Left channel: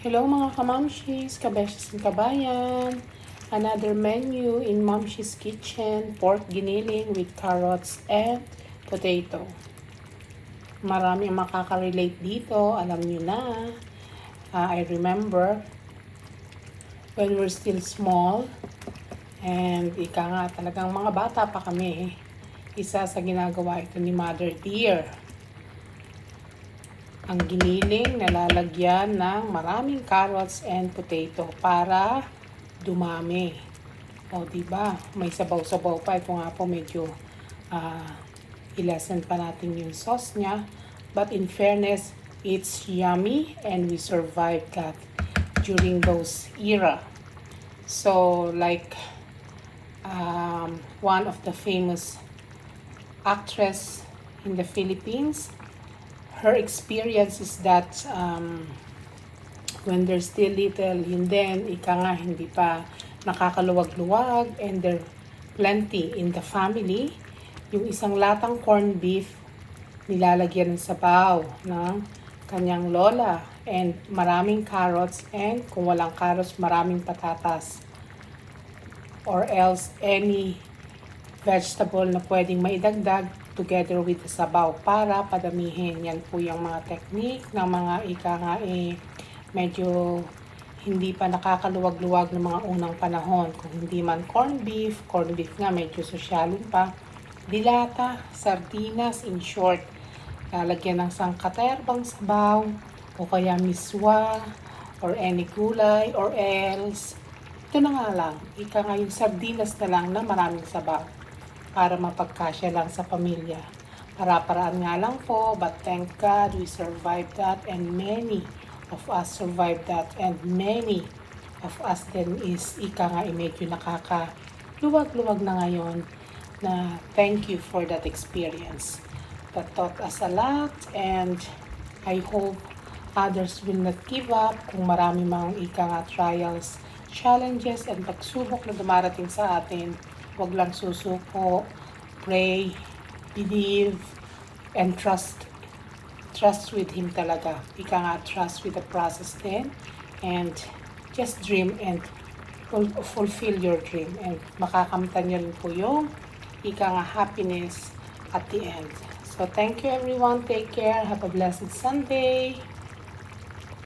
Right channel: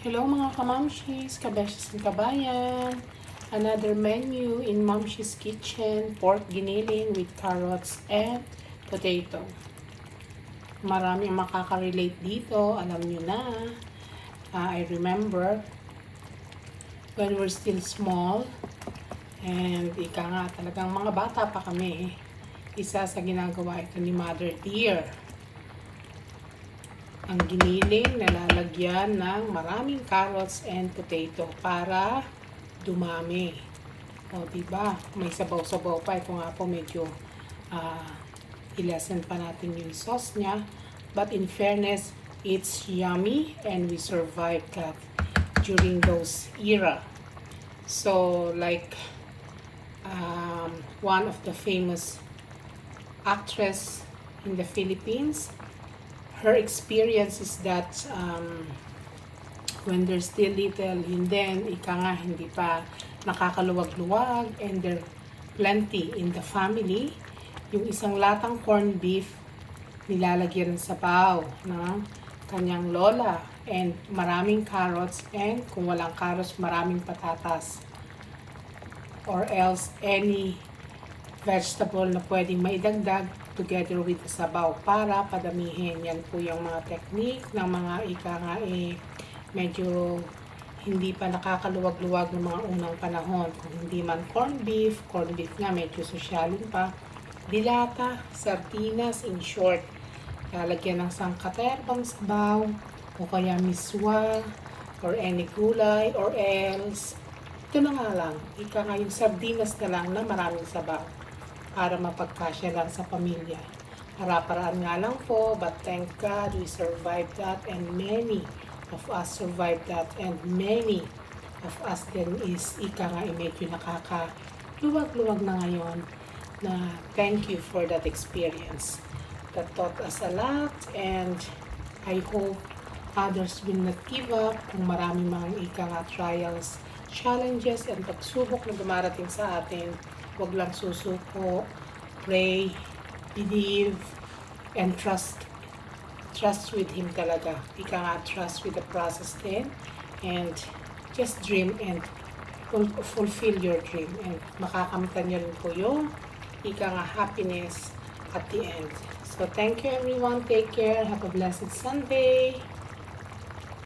Hello mga kamamshis, kabeshis and kabayan. Another menu in Momshi's Kitchen, pork giniling with carrots and potato. Marami ang makaka-relate dito, alam nyo na. I remember when we're still small and ika nga talagang mga bata pa kami, isa sa ginagawa ito ni Mother Dear. Ang giniling nalalagyan ng maraming carrots and potato para dumami. O, diba? May sabaw-sabaw pa. Ito nga po medyo i-lessen pa natin yung sauce niya. But in fairness, it's yummy and we survived that during those era. So, like one of the famous actress in the Philippines, her experience is that when they're still little, and then ika nga hindi pa nakakaluwag-luwag and there plenty in the family, yung isang latang corned beef nilalagyan ng sabaw ng kanyang lola and maraming carrots, and kung walang carrots maraming patatas or else any vegetable na pwedeng maidagdag together with the sabaw para padamihin. Yan po yung mga technique ng mga ika nga medyo hindi pa nakakaluwag-luwag ng mga unang panahon. Kung hindi man corned beef nga medyo sosyalin pa, dilata, sardinas, in short, lalagyan ng sangkaterbang sabaw o kaya miswa or any gulay or else ito na nga lang, ika nga yung sardinas na lang na maraming sabaw para mapagkasya lang sa pamilya. Para-paraan nga lang po, but thank God we survived that and many of us survived that and many of us then is ika nga medyo nakakaluwag-luwag na ngayon na thank you for that experience. That taught us a lot and I hope others will not give up kung marami mga ika nga trials, challenges and pagsubok na dumarating sa atin. Huwag lang susuko, pray, believe, and trust with Him talaga. Ika nga, trust with the process din, and just dream and fulfill your dream. And makakamtan nyo rin po yung ika nga happiness at the end. So, thank you everyone. Take care. Have a blessed Sunday.